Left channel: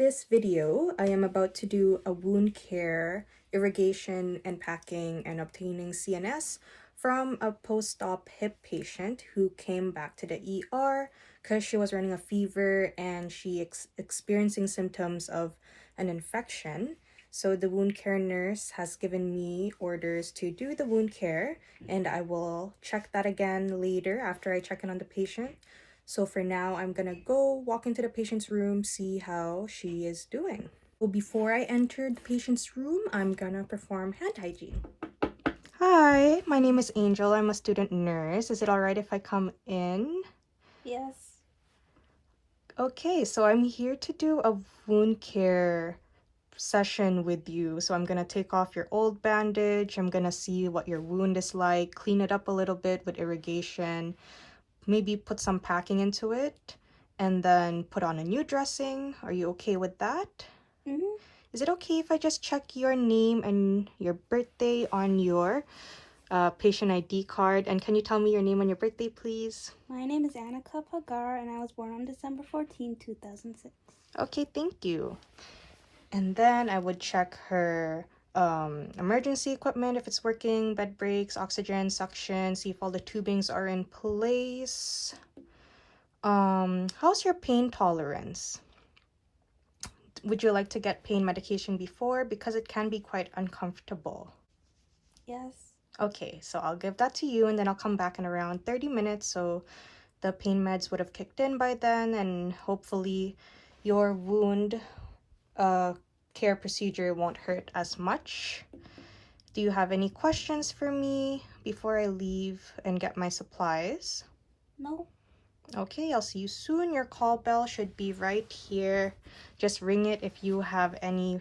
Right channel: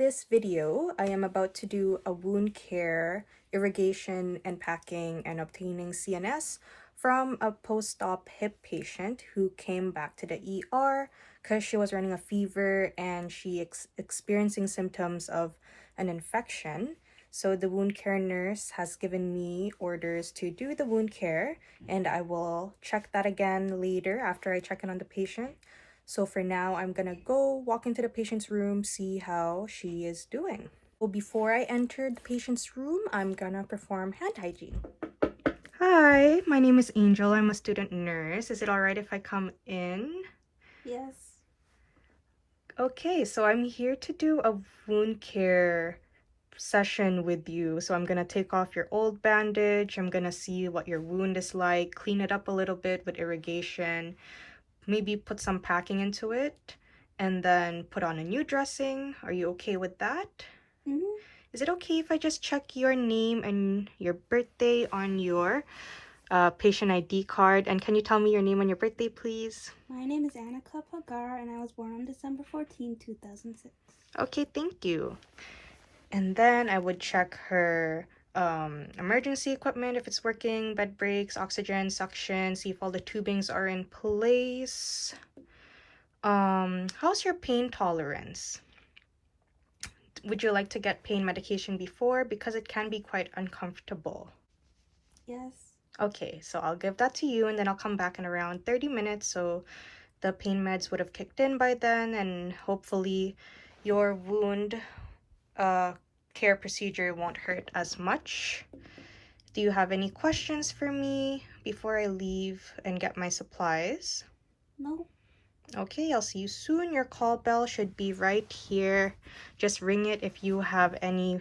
this video, I am about to do a wound care, irrigation and packing and obtaining CNS from a post-op hip patient who came back to the ER because she was running a fever and she experiencing symptoms of an infection. So the wound care nurse has given me orders to do the wound care, and I will check that again later after I check in on the patient. So for now, I'm gonna go walk into the patient's room, see how she is doing. Well, before I enter the patient's room, I'm gonna perform hand hygiene. Hi, my name is Angel. I'm a student nurse. Is it all right if I come in? Yes. Okay, so I'm here to do a wound care session with you. So I'm gonna take off your old bandage. I'm gonna see what your wound is like, clean it up a little bit with irrigation, maybe put some packing into it, and then put on a new dressing. Are you okay with that? Mm-hmm. Is it okay if I just check your name and your birthday on your patient ID card? And can you tell me your name and your birthday, please? My name is Annika Pagara, and I was born on December 14, 2006. Okay, thank you. And then I would check her emergency equipment, if it's working, bed breaks, oxygen, suction, see if all the tubings are in place. How's your pain tolerance? Would you like to get pain medication before? Because it can be quite uncomfortable. Yes. Okay, so I'll give that to you, and then I'll come back in around 30 minutes. So the pain meds would have kicked in by then, and hopefully your wound care procedure won't hurt as much. Do you have any questions for me before I leave and get my supplies? No. Okay, I'll see you soon. Your call bell should be right here. Just ring it if you have any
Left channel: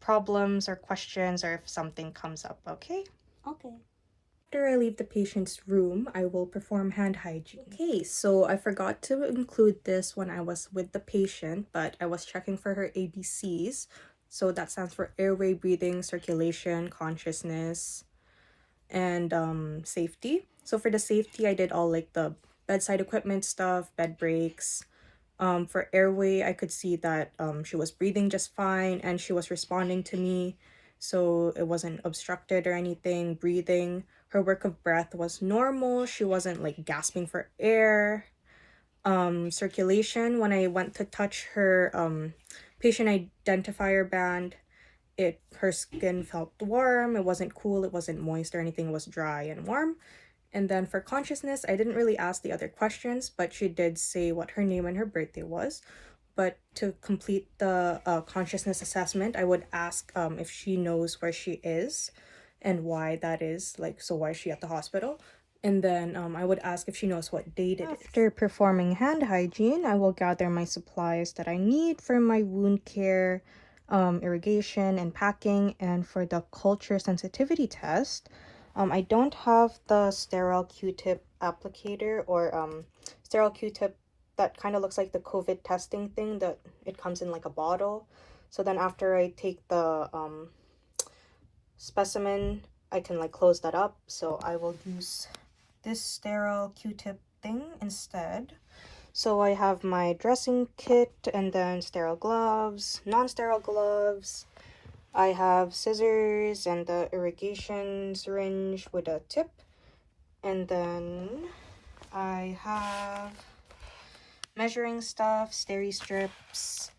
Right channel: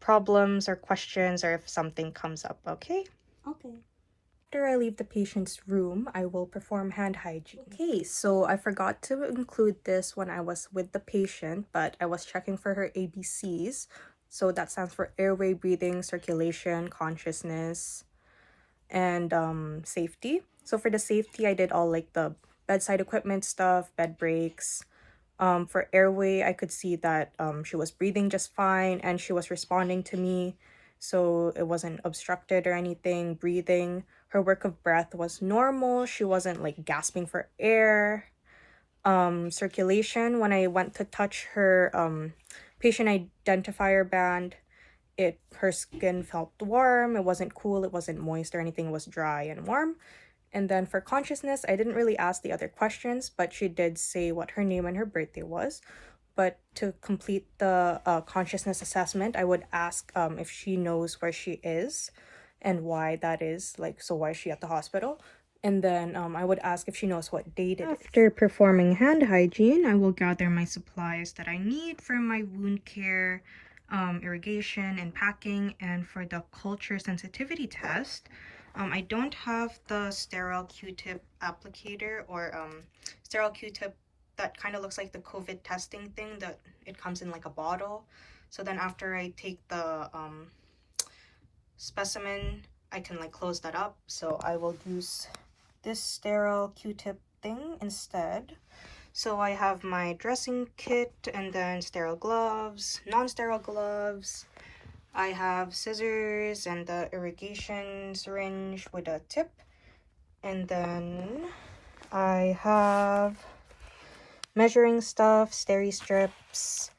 problems or questions or if something comes up, okay? Okay. After I leave the patient's room, I will perform hand hygiene. Okay, so I forgot to include this when I was with the patient, but I was checking for her ABCs. So that stands for airway, breathing, circulation, consciousness, and safety. So for the safety, I did all like the bedside equipment stuff, bed breaks. For airway, I could see that she was breathing just fine and she was responding to me. So it wasn't obstructed or anything. Breathing, her work of breath was normal. She wasn't like gasping for air. Circulation, when I went to touch her patient identifier band, her skin felt warm. It wasn't cool, it wasn't moist or anything, it was dry and warm. And then for consciousness, I didn't really ask the other questions, but she did say what her name and her birthday was. But to complete the consciousness assessment, I would ask if she knows where she is and why that is, like, so why is she at the hospital? And then I would ask if she knows what date it is. After performing hand hygiene, I will gather my supplies that I need for my wound care, irrigation and packing, and for the culture sensitivity test. I don't have the sterile Q-tip applicator or sterile Q-tip that kind of looks like the COVID testing thing that it comes in like a bottle. So then after I take the specimen, I can like close that up. So I will use this sterile Q-tip thing instead. So I have my dressing kit and then sterile gloves, non-sterile gloves. I have scissors and the irrigation syringe with a tip. And then I have measuring stuff, steri strips,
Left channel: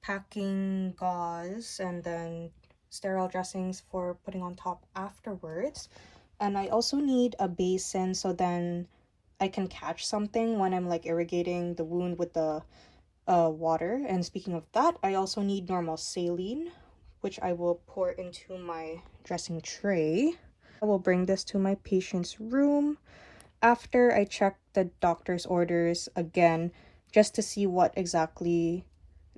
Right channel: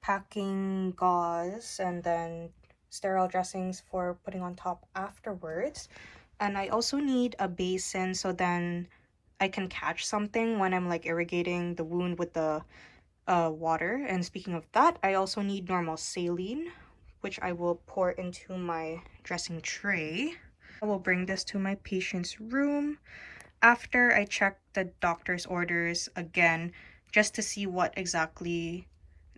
packing gauze, and then sterile dressings for putting on top afterwards. And I also need a basin so then I can catch something when I'm like irrigating the wound with the water. And speaking of that, I also need normal saline, which I will pour into my dressing tray. I will bring this to my patient's room after I check the doctor's orders again, just to see what exactly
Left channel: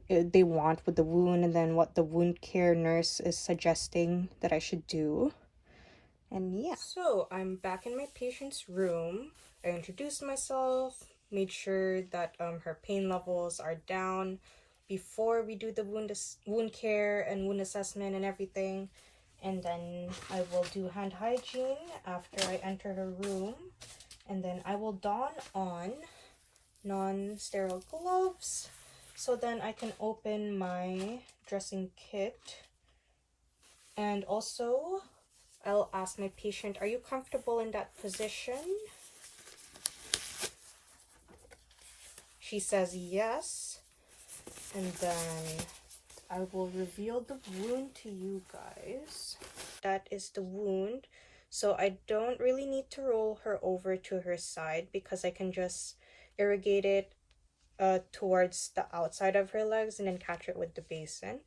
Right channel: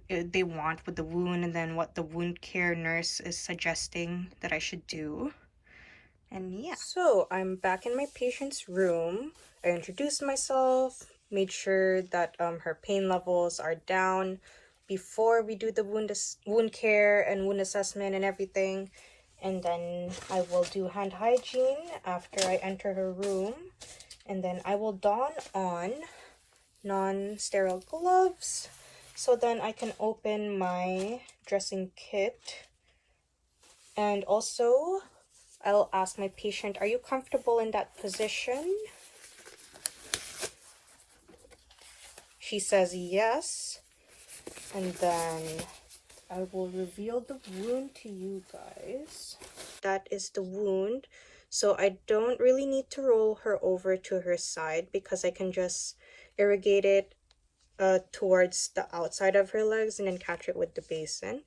they want with the wound and then what the wound care nurse is suggesting that I should do. And yeah. So I'm back in my patient's room. I introduced myself, made sure that her pain levels are down before we do the wound care and wound assessment and everything. And then I will do hand hygiene after I enter her room. And then I will don on non-sterile gloves So then I can open my dressing kit. And also, I'll ask my patient, are you comfortable in that position? She says yes. And then I will reveal the wound to you guys. That is the wound. So I don't really need to roll her over to her side because I can just irrigate it towards the outside of her legs and then catch it with the basin.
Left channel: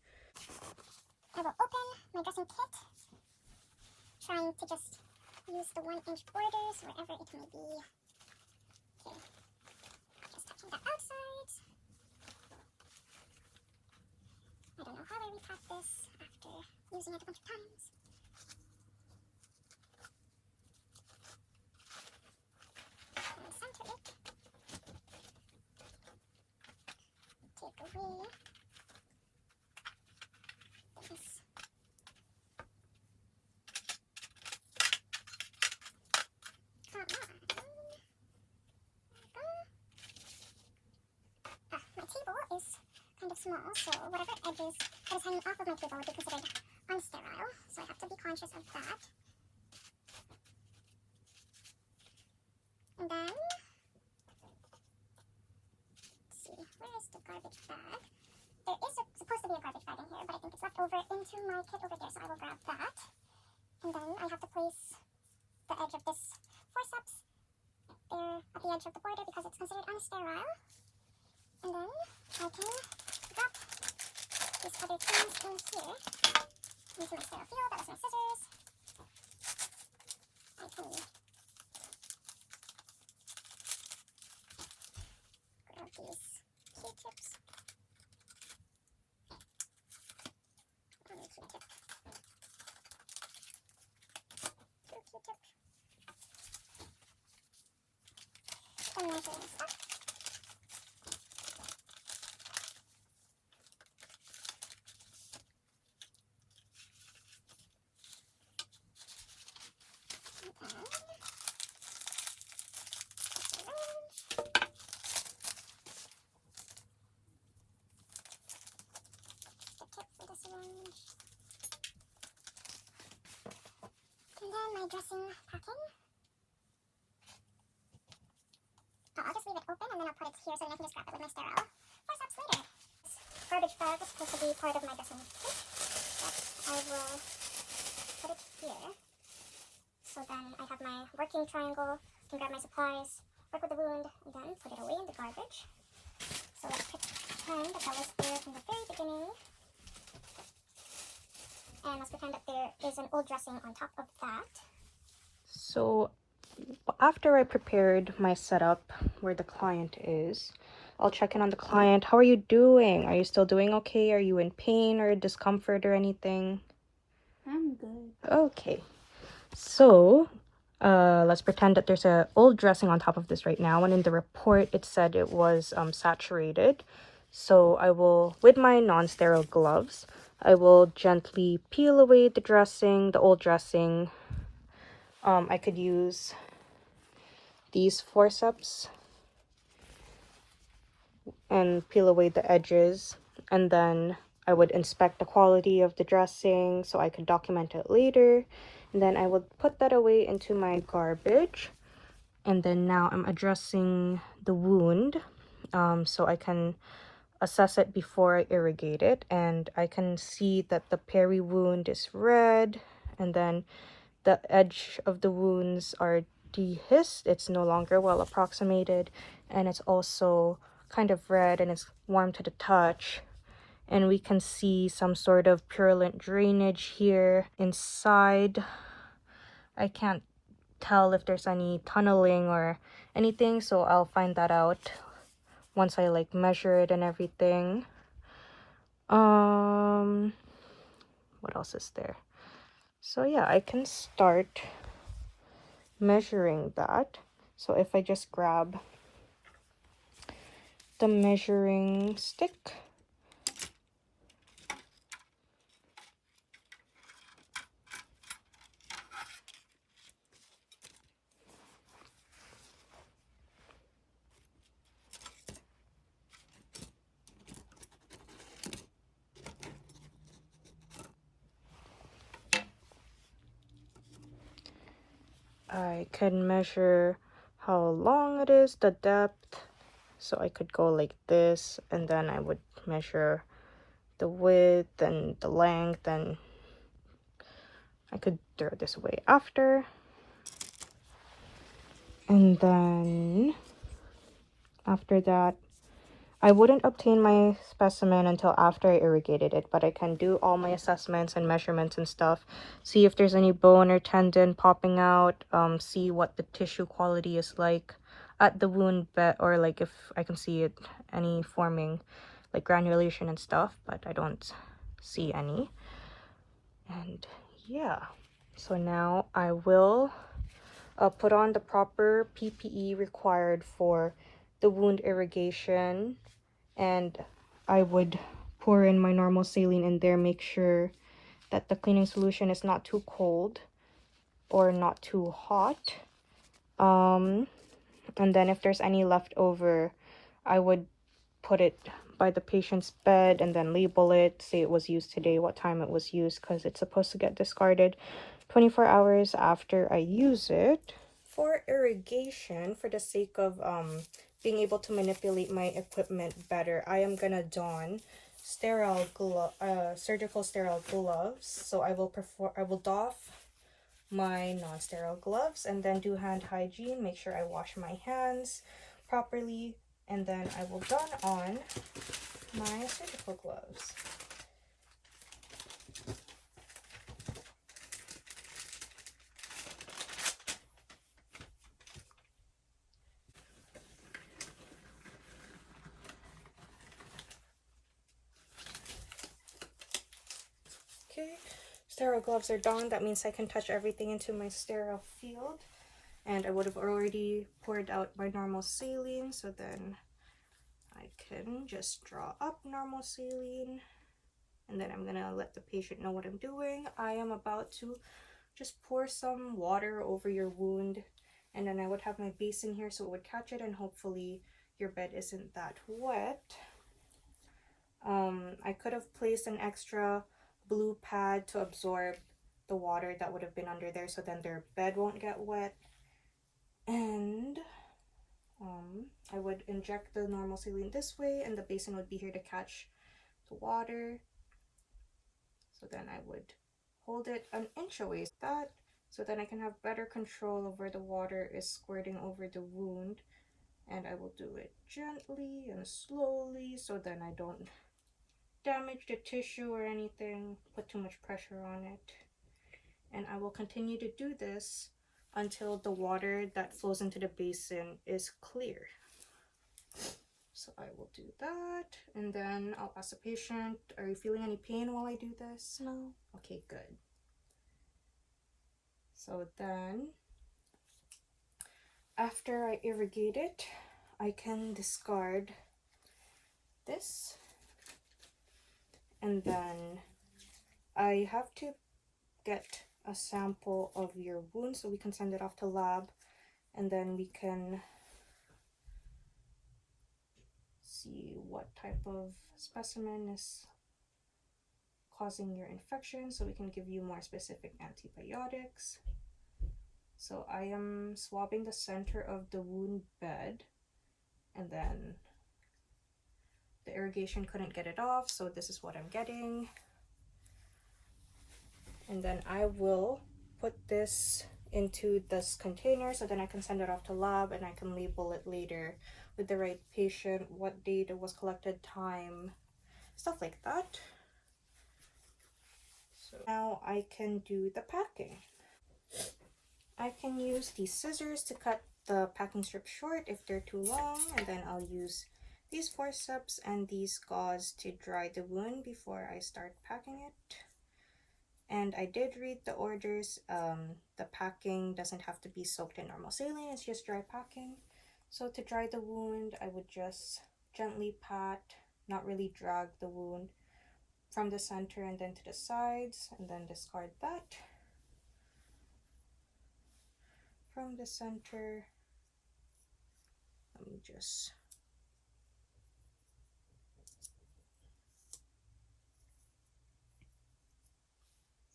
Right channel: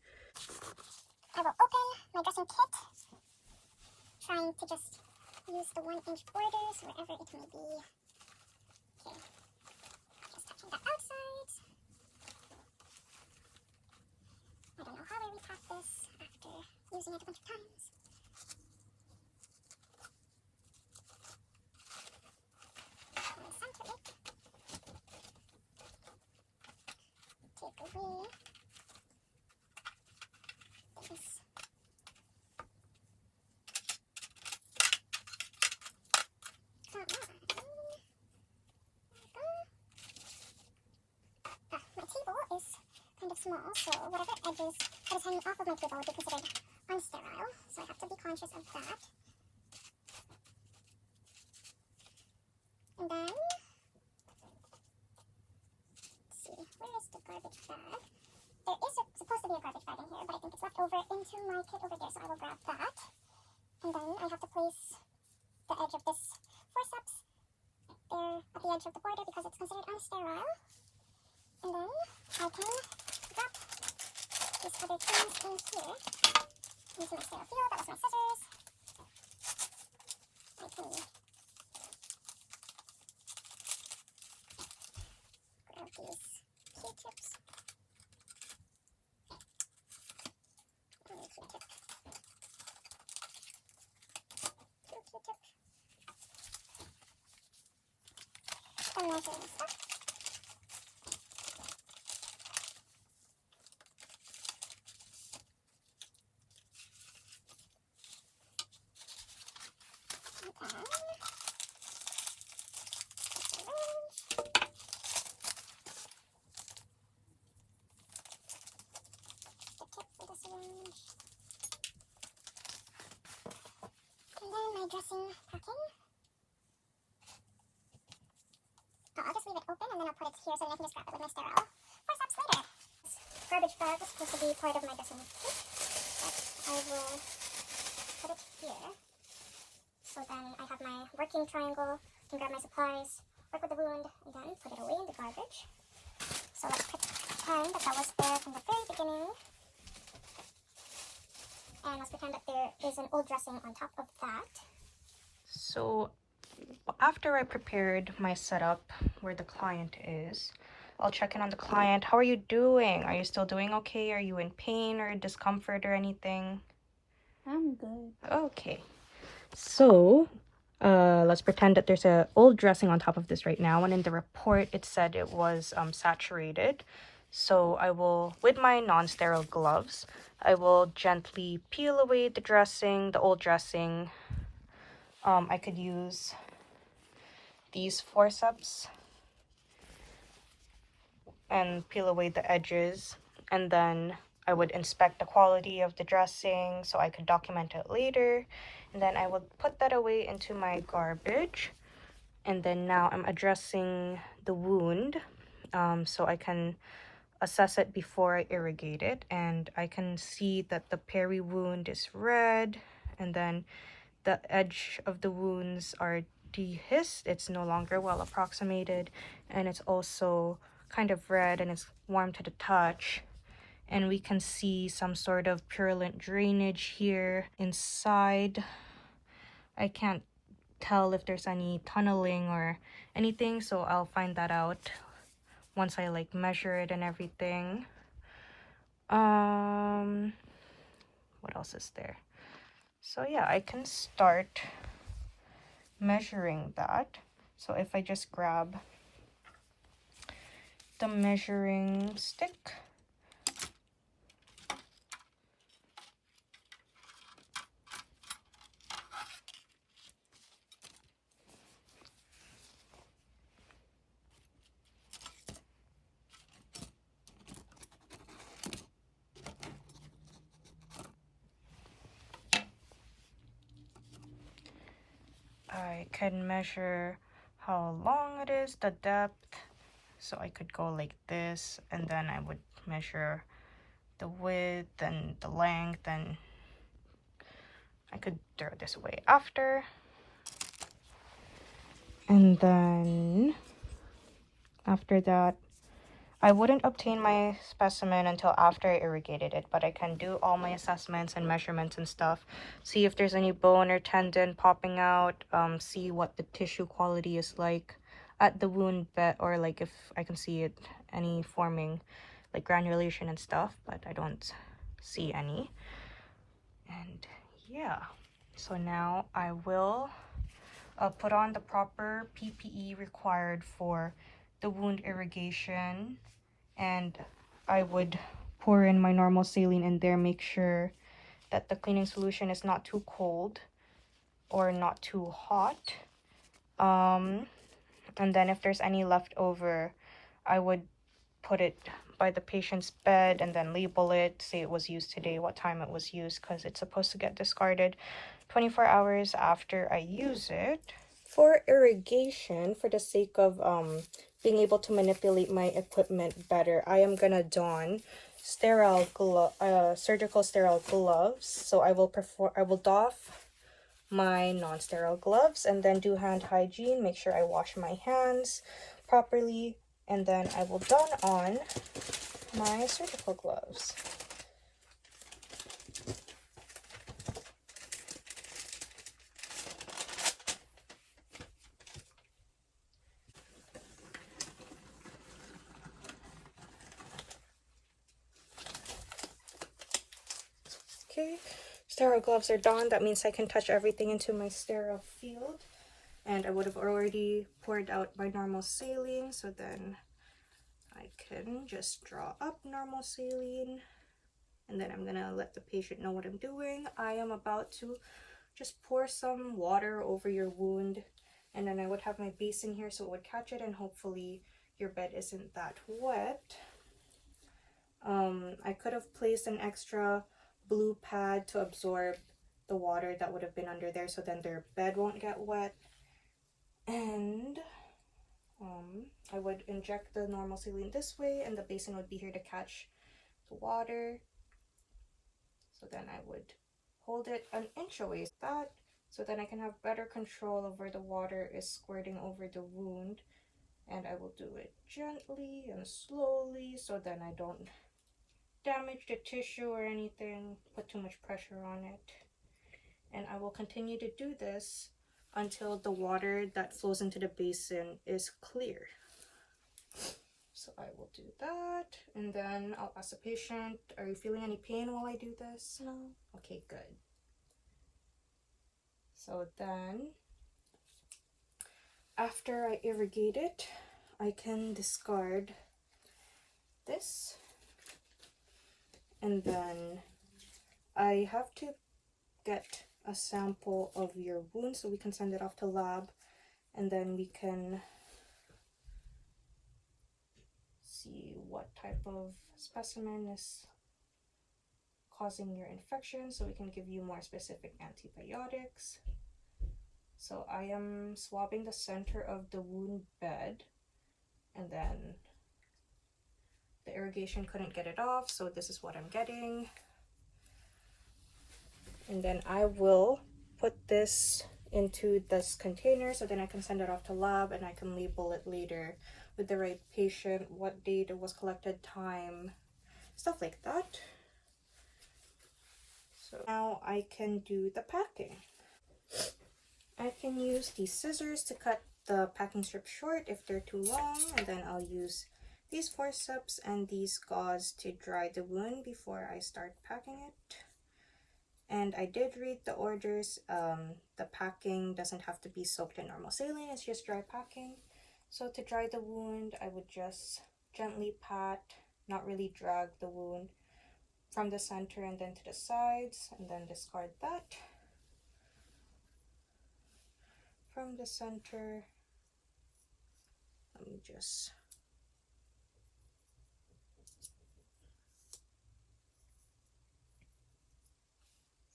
I will open my dressing kit, trying to just use the 1-inch borders wherever it may be. Okay, just touching the outside. I don't know how I repack this after using it a bunch of times. And center it. Take away this. Come on. There we go. My table is kind of small, so whatever edges that is hanging off of my table would be considered unsterile, so I have to be conscious of that. And then, let's see, where is the garbage bag? There is supposed to be a garbage bag in here, but I think it's left over into my kit over there, so I will grab that. And then I have to place the edge of this forceps there at the edge of the border because it's considered unsterile. And then I can drop these other things in here. Use my sterile feel, that was my scissors. I can grab these Q-tips. And Q-tip. 2 Q-tip. The measuring stuff. And then my dressing packing. Oh, I'll just leave it open and then I'll put it here so then I can just grab it with my sterile forceps later. This garbage bag was supposed to be part of my dressing kit, but I will put it here. So then I have my working triangle, can grab my supplies, work with the wound, and then put it away in the garbage. So let's pretend that was there from the very beginning. And let's pretend that there is an old dressing on top of that. So after I prepared my setup where the client is, I'll check in on the client. How are you doing? Are you still doing okay? Are you in pain or discomfort or anything? I'm good. Okay. So let's pretend that there's an old dressing on top of this right now, and in the report it said it was saturated. So I will, with my non-sterile gloves, I will gently peel away the dressing, the old dressing. I could use these forceps and peel away the edges, and then I would inspect the quality of the dressing so I could document it later, and then I would put that away into my garbage. And then now I'm addressing the wound so I can assess it before I irrigate it, and I can see that the peri wound is red, and then the edge of the wounds are dehisced. It's no longer well approximated, and it's also kind of red and it's warm to the touch, and we can see some sort of purulent drainage here inside. I can't tell if there's any tunneling or anything, so I'll find that out once I like measure it and everything. What else is there? So yeah, I can start measuring that. So if I just grab the measuring stick, I can measure how long it is, the depth. So I could go like this, and then I would measure the width and the length, and I could throw this away after. And then after that, I wouldn't obtain my specimen until after I irrigated it, but I can do all my assessments and measurements and stuff, see if there's any bone or tendon popping out, see what the tissue quality is like at the wound bed, or like if I can see it any forming like granulation and stuff, but I don't see any. And yeah, so now I will put on the proper PPE required for the wound irrigation, and I would pour in my normal saline in there, make sure that the cleaning solution is not too cold or not too hot. And then if there's any left over, I would put it by the patient's bed and then label it, say it was used today, what time it was used, because it's supposed to get discarded 24 hours after I use it. For irrigation, for the sake of being able to manipulate my equipment better, I am gonna don surgical sterile gloves. So I will doff my non-sterile gloves and then do hand hygiene, make sure I wash my hands properly, and then I will don on my surgical gloves. Okay, sterile gloves are done. That means I can touch everything into my sterile field. And I would have already poured out my normal saline, so then I can just draw up normal saline. And then I'm gonna let the patient know what I'm doing. I am about to just pour some water over your wound, and then I would have my basin here so it would catch it, and hopefully your bed isn't that wet. I could have placed an extra blue pad to absorb the water that would have been under there, so then their bed won't get wet. And I would inject the normal saline this way, and the basin would be here to catch the water. So then I would hold it an inch away like that, so then I can have better control of where the water is squirting over the wound. And I will do it gently and slowly, so then I don't damage the tissue or anything, put too much pressure on it. And I will continue to do this until the water that flows into the basin is clear. So I will do that, and then I'll ask the patient, are you feeling any pain while I do this? No. Okay, good. So then, after I irrigate it, I can discard this. And then I have to get a sample of your wound so we can send it off to lab, and then we can see what type of specimen is causing your infection, so we can give you more specific antibiotics. So I am swabbing the center of the wound bed, and then the irrigation couldn't get it off, so this is what I'm getting. And then I will put this into this container so then I can send it off to lab, and I can label it later with the right patient, what date it was collected, time, stuff like that. So now I can do the packing. I can use these scissors to cut the packing strip short if they're too long, and then I'll use these forceps and these gauze to dry the wound before I start packing it. And I did read the orders. The packing doesn't have to be soaked in normal saline, it's just dry packing. So to dry the wound, I would just gently pat, not really drag the wound, from the center and then to the sides, and then discard that. From the center, let me just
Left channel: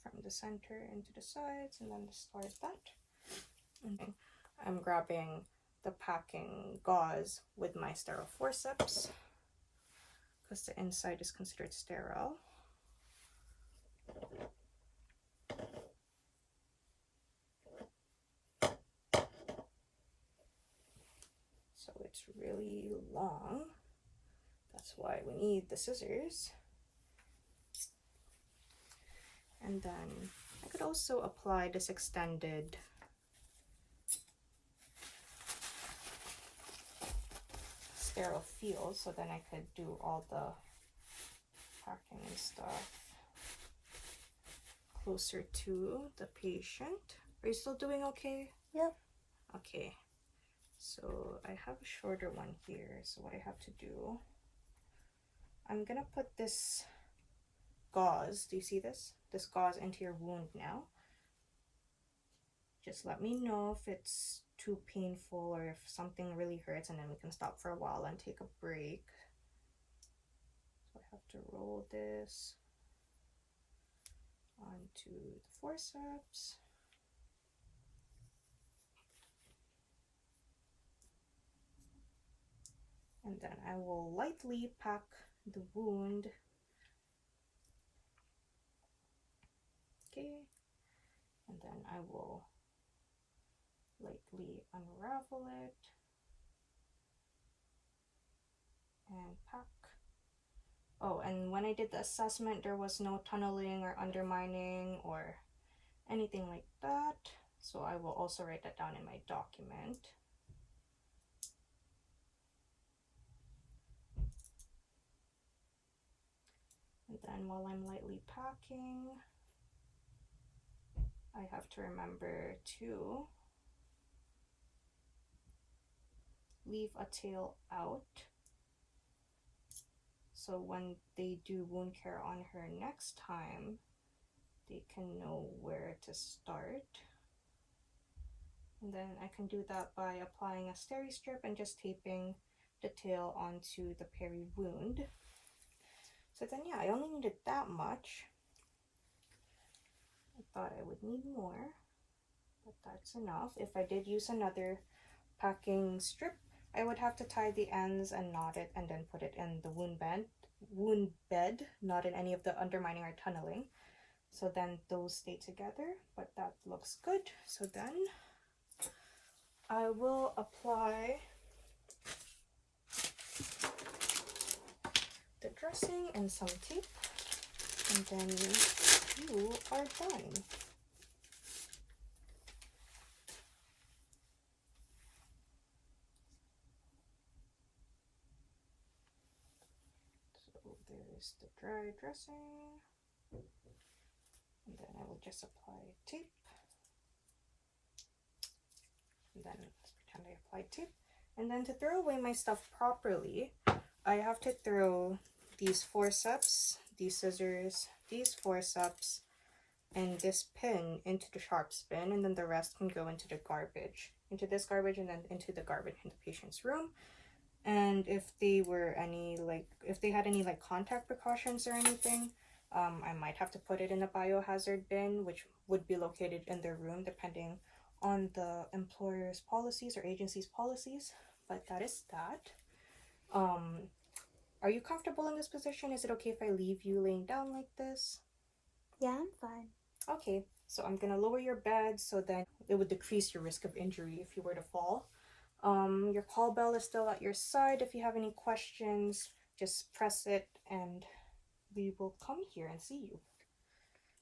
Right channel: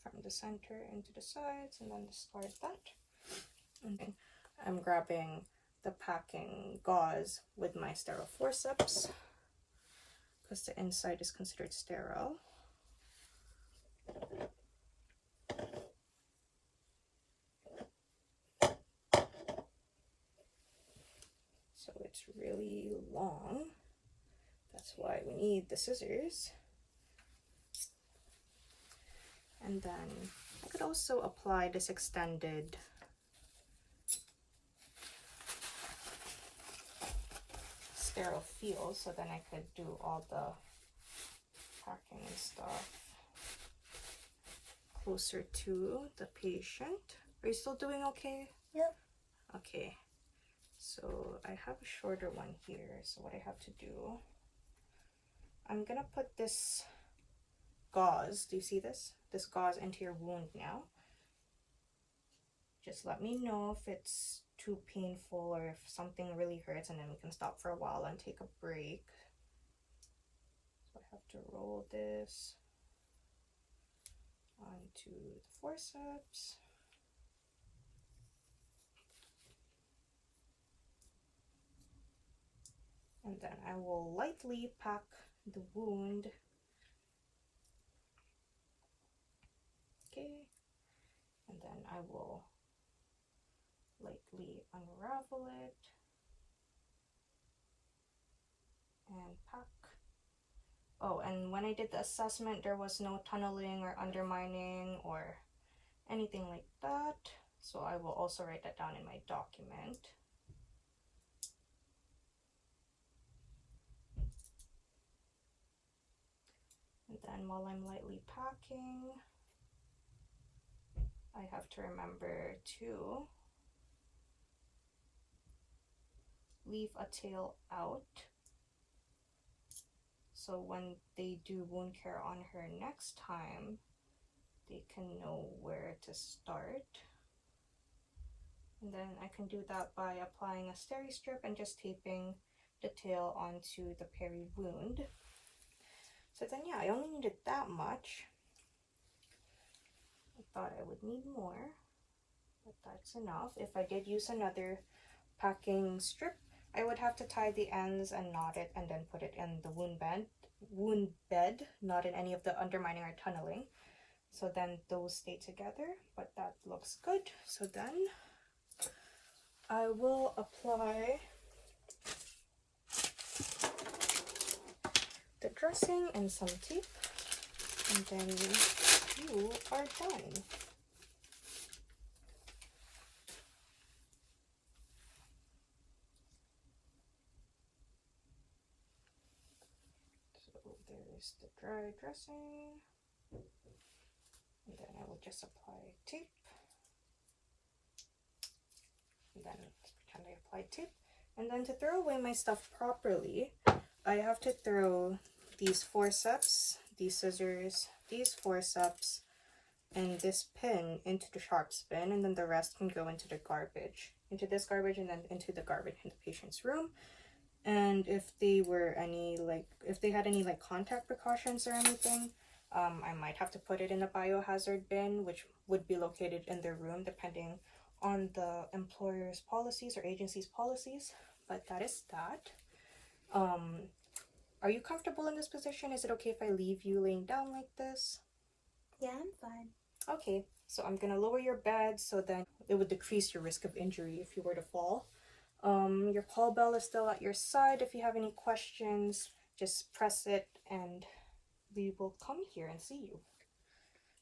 from the center into the sides, and then discard that. And then I'm grabbing the packing gauze with my sterile forceps because the inside is considered sterile. So it's really long. That's why we need the scissors. And then I could also apply this extended sterile feel, so then I could do all the packing stuff closer to the patient. Are you still doing okay? Yep. Okay. So I have a shorter one here. So what I have to do, I'm gonna put this gauze, do you see this? This gauze into your wound now. Just let me know if it's too painful or if something really hurts, and then we can stop for a while and take a break. So I have to roll this onto the forceps. And then I will lightly pack the wound. Okay. And then I will lightly unravel it and pack. Oh, and when I did the assessment, there was no tunneling or undermining or anything like that. So I will also write that down in my document. And then while I'm lightly packing, I have to remember to leave a tail out, so when they do wound care on her next time, they can know where to start. And then I can do that by applying a steri strip and just taping the tail onto the peri wound. So then yeah, I only needed that much. I thought I would need more, but that's enough. If I did use another packing strip, I would have to tie the ends and knot it and then put it in the wound bed, not in any of the undermining or tunneling. So then those stay together, but that looks good. So then I will apply the dressing and some tape, and then you are done. So there's the dry dressing, and then I will just apply tape, and then let's pretend I applied tape. And then to throw away my stuff properly, I have to throw these forceps, these scissors, these forceps, and this pin into the sharps bin, and then the rest can go into the garbage, into this garbage, and then into the garbage in the patient's room. And if they were if they had any contact precautions or anything, I might have to put it in a biohazard bin, which would be located in their room depending on the employer's policies or agency's policies. But that is that. Are you comfortable in this position? Is it okay if I leave you laying down like this? Yeah, I'm fine. Okay, so I'm gonna lower your bed so then it would decrease your risk of injury if you were to fall. Your call bell is still at your side. If you have any questions, just press it and we will come here and see you.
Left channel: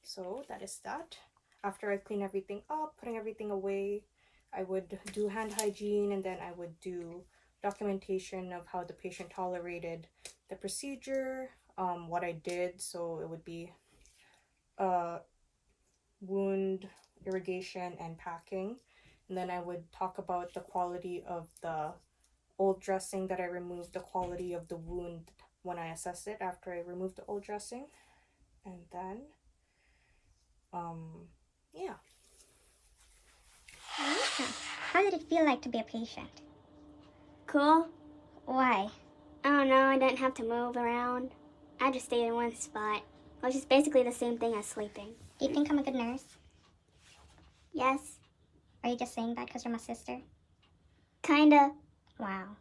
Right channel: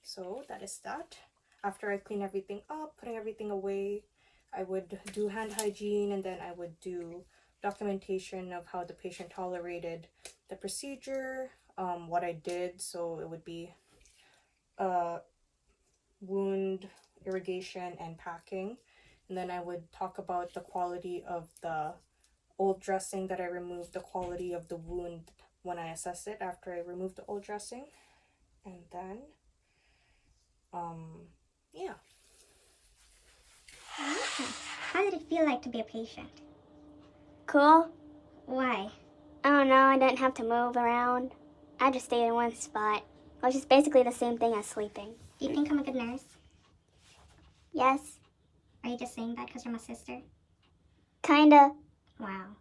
So that is that. After I clean everything up, putting everything away, I would do hand hygiene, and then I would do documentation of how the patient tolerated the procedure, what I did. So it would be wound irrigation and packing. And then I would talk about the quality of the old dressing that I removed, the quality of the wound when I assessed it after I removed the old dressing. And then yeah. How did it feel like to be a patient? Cool. Why? I don't know, I didn't have to move around. I just stayed in one spot, which is basically the same thing as sleeping. Do you think I'm a good nurse? Yes. Are you just saying that because you're my sister? Kinda. Wow.